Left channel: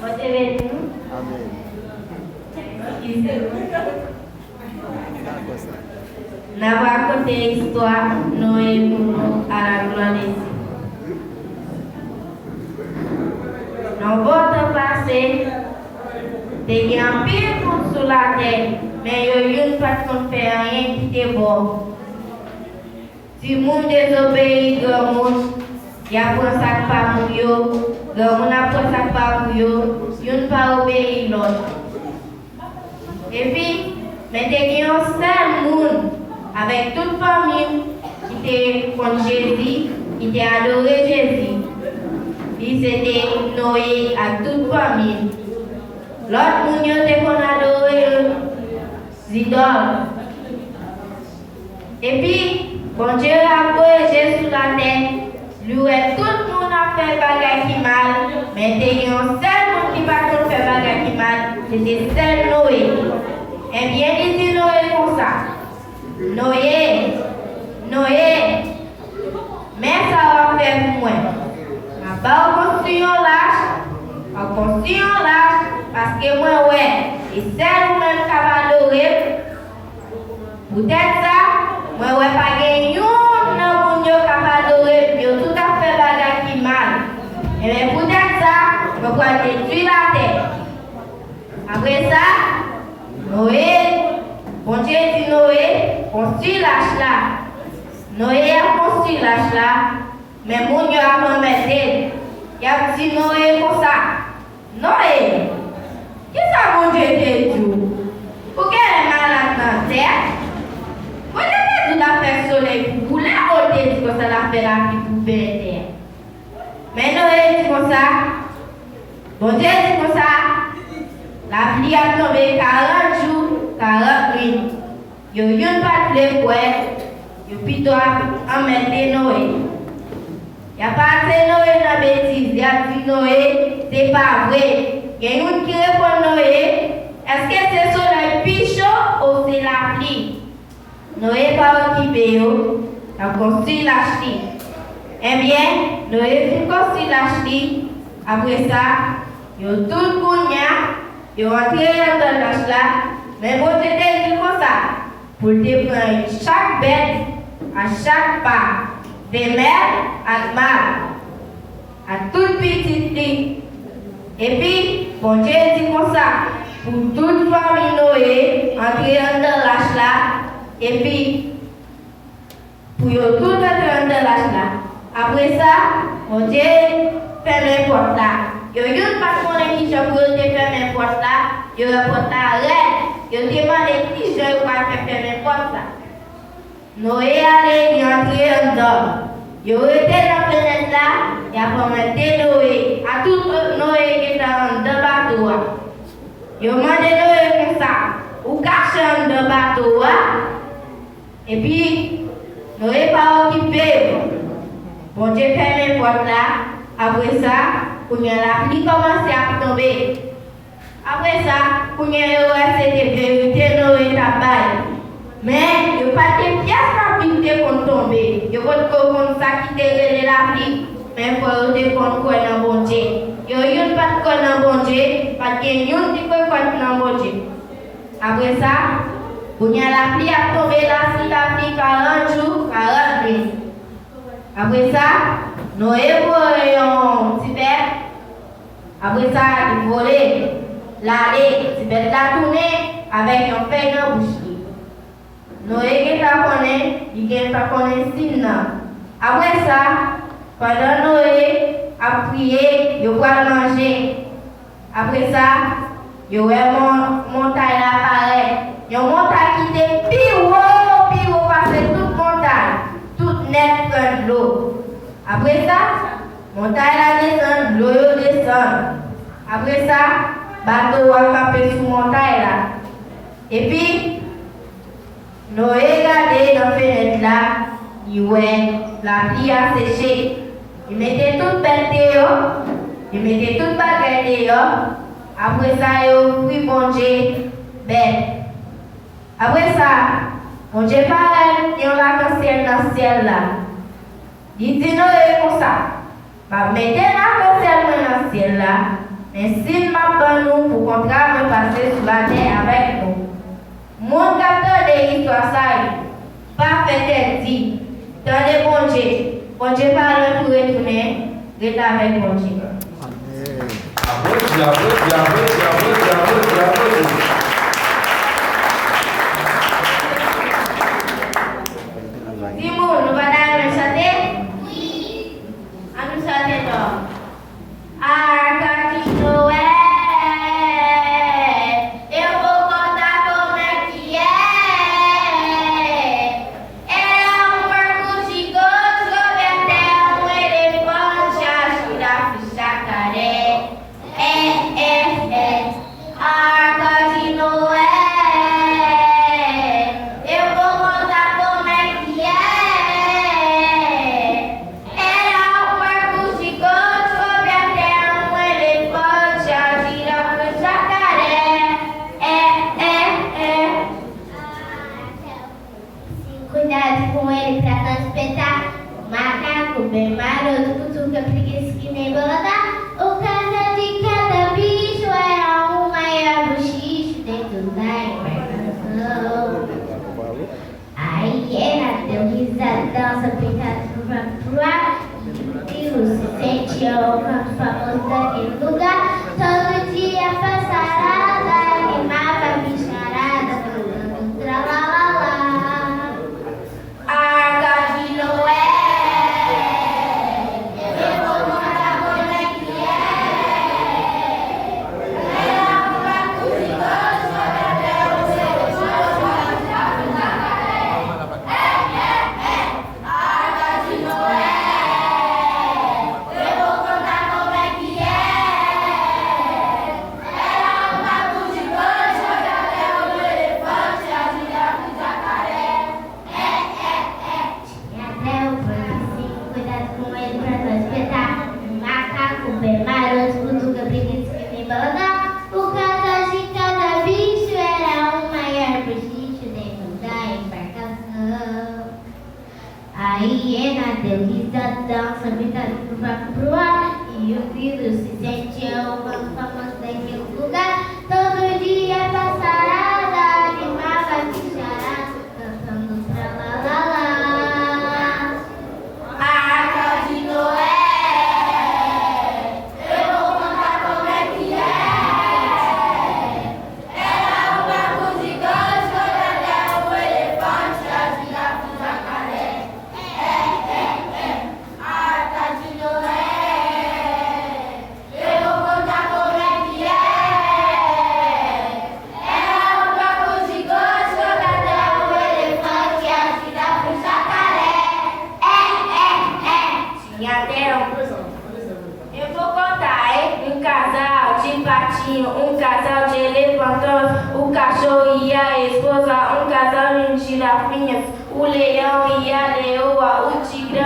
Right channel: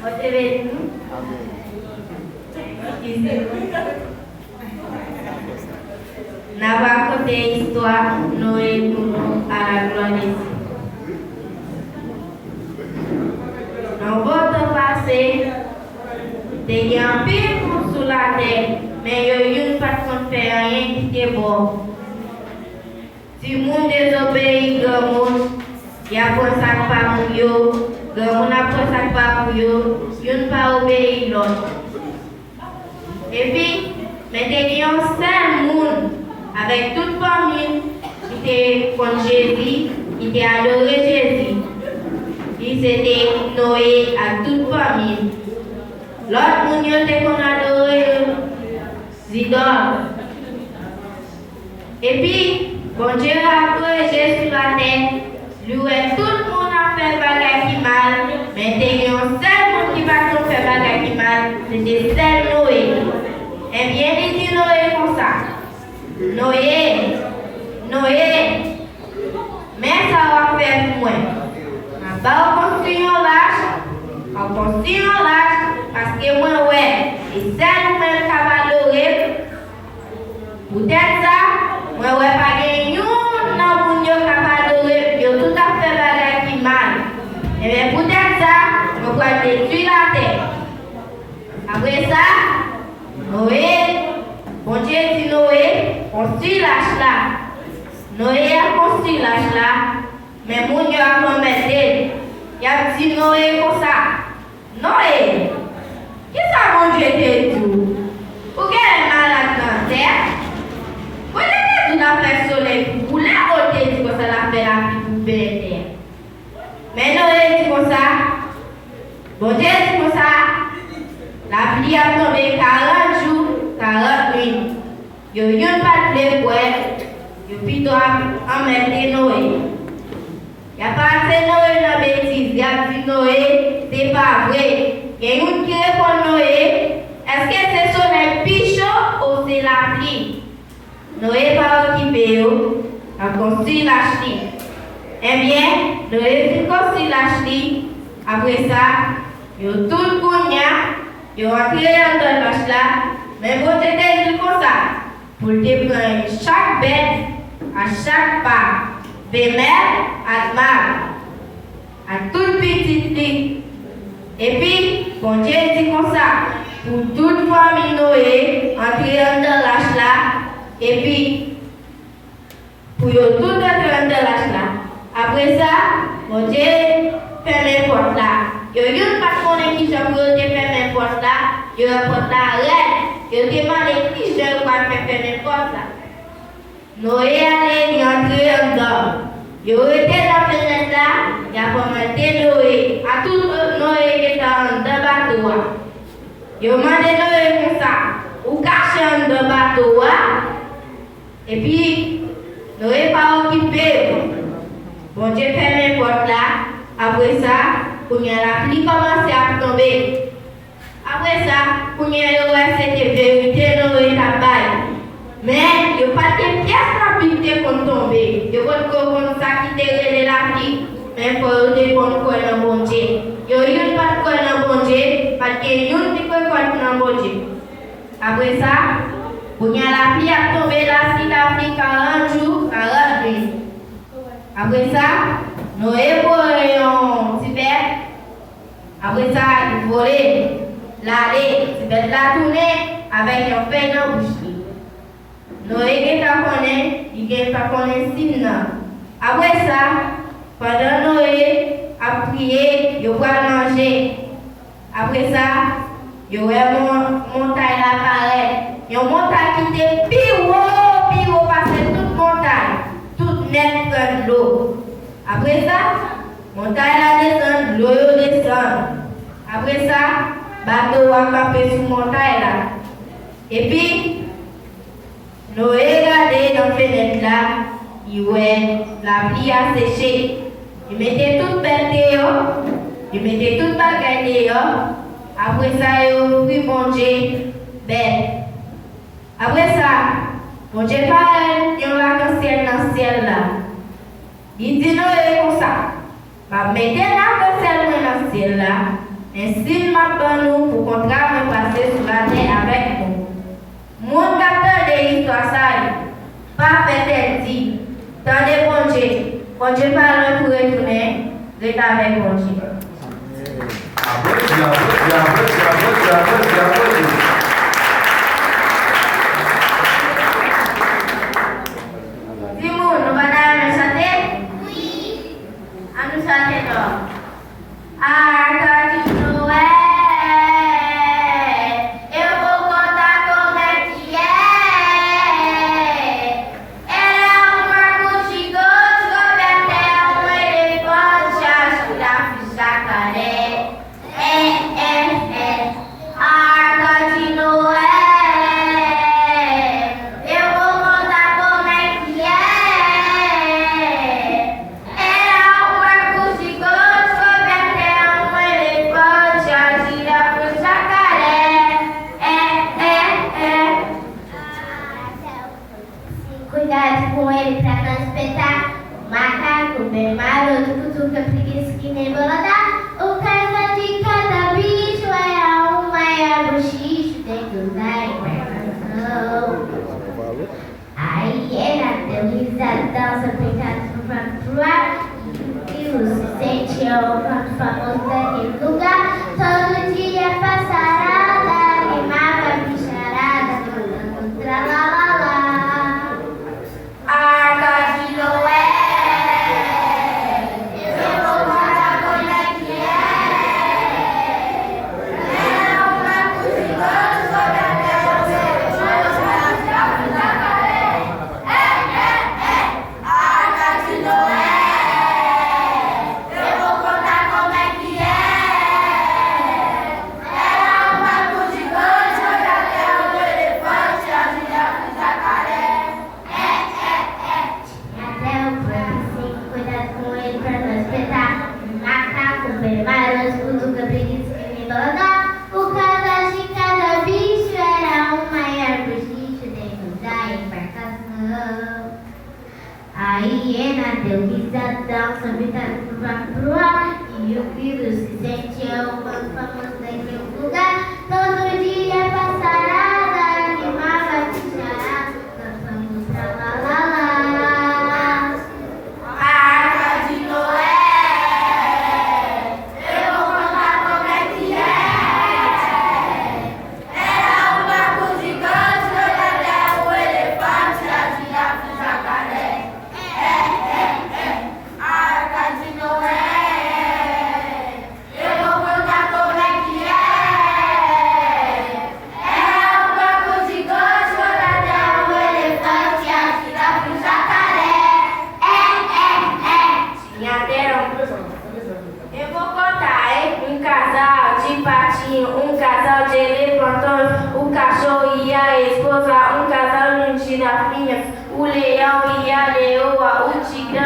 Vous avez dit nous? Nous avons raconté l'histoire Noé à la gloire ici. Dans votre passé, il y a un peu sur la terre, mais il y a une façon de faire rien qui est bon. Si le monde désobéit, le monde, il y a un sac pas mouillot, le monde a un sac pas mouillot, il ne pas obéir l'autre. Et puis, mais il y a un seul monde avec toute famille qui était contre Jésus, qui était adoré Jésus. Il s'était Noé à toute famille. L'autre monde était qu'on adorait Zidore. Et puis, bon Dieu a corrigé sur la terre. Lui, tout le monde a fait bagarre qui mal, mais il y a un seul monde qui va faire bagarre qui mal, c'était seul Noé. Et bien, il dit Noé comme ça. Noé, mais ça va faire pour moi. On va construire un lâche, parce que moi, ouais, et c'est nous-mêmes qui va adorer. Peut-être ça, moi, ouais, pas gagné, non, mon Dieu, qui va adorer, il tout à fait bagarre qui mal. Et bien, peut-être ça, on va détruire la terre. Après ça, Noé, bon Dieu dit Noé, construit lâche là. Noé a construit lâche là, mais mon Dieu a commetté. Il a dit Noé comme ça. Noé, qu'est-ce que mon Dieu te dit? Pour qu'elle est malade dans la terre, vous avez dit la faire soleil pour couler, ou te dit que ça la fait la vie pour faire terre. Mais Noé dit comme ça. Bon Dieu dit comme ça. La pluie a tombé 40 jours, 40 nuits. Il n'y a pas de bois, il plutôt emmener Noé. Il n'y a pas assez Noé dans la bêtise. Il a dit Noé, c'est pas vrai. Il y a une qui répond Noé, est-ce que c'est le soleil plus chaud ou c'est la pluie? Noé pas occupé, il a construit la ch'ti. Eh bien, Noé a construit la ch'ti. Après ça, il a tout cognac. Ils ont entré dans la là, mais vous êtes dit comme ça, pour te prendre chaque bête, à chaque pas, femelle à mâle, à toute petite fille. Et puis, bon Dieu dit comme ça, pour toute famille Noé, entrer dans la là, et puis, pour tout entrer dans la là. Après ça, bon Dieu ferme les portes là. Il y a une personne qui s'est fermé la porte là, il y a une porte là, il a demandé qui s'est fermé la porte là. Noé allait entrer dedans. Il a été dans la fenêtre là, il a commencé Noé, à tout Noé qui était dans le bateau. Il a demandé Noé comme ça, ou caché dans le bateau. Et puis, Noé pas occupé. Bon Dieu ferme la porte là, après ça, quand la pluie commençait à tomber. Après ça, quand c'était vérité, Noé a baillé. Mais il n'y a pas de pièces à piquer pour tomber. Il n'y a pas de quoi ça qui te la pluie. Mais il faut dépendre quoi dans bon Dieu. Il n'y a pas de quoi dans bon Dieu, parce qu'il y a une qui peut quoi dans bon Dieu. Après ça, quand la pluie a tombé, la pluie 40 jours, 40 nuits. Après ça, Noé voulait un petit bête. Après ça, il volait, l'aller, petit bête la tourner avec un feuille dans la bouche. Noé qui connaît, il ne pas connaître signe. Après ça, pendant Noé a prié, il va manger. Après ça, il y a une montagne apparaît. Il y a une montagne qui était plus haut, parce que toute montagne, toute nette de l'eau. Après ça, montagne descend, l'eau descend. Après ça, bateau a campé sur montagne là. Et puis, Noé regardait dans la fenêtre là, il voyait la pluie a séché. Il mettait toute belle dehors, il mettait toute baguette dehors. Après ça, il a pris mon Dieu belle. Après ça, mon Dieu parlait, il y a l'arc-en-ciel dans le ciel là. Il dit Noé comme ça. Bah, mettez l'arc-en-ciel dans le ciel là, mais s'il m'a pas nous pour qu'on travaille passer sur la terre avec nous. Mon capteur de l'histoire, ça pas fait dit. Dans les bon Dieu parle pour retourner, d'être avec bon Dieu. Dis-moi, nous allons chanter? Oui. À nous chanter donc. Cuidado com ele pra não espetar. O macaco bem maroto, cutuca preguiça que nem bolada. O caso de cada bicho era um maior bochicho dentro da embarcação. A hiena deu risadão, só brincando pro ar. E o se sentia o canto famoso daquele lugar. Todo dia passarada, animava a bicharada, falando tralalá. A hiena deu risadão, só brincando pro ar. E o grilo se sentia o canto famoso daquele lugar. Todo dia passarada, animava a bicharada, cantando tralalá. A Arca de Noé, eu vou contar como é que é. Era um barco gigante, foi até o elefante, a girafa e o jacaré. Eu vou contar, hein? Um casal de patinho, um casal de elefantões, o cachorro e a esposa, um casal de girafinhas, o leão e a leoa, o tigre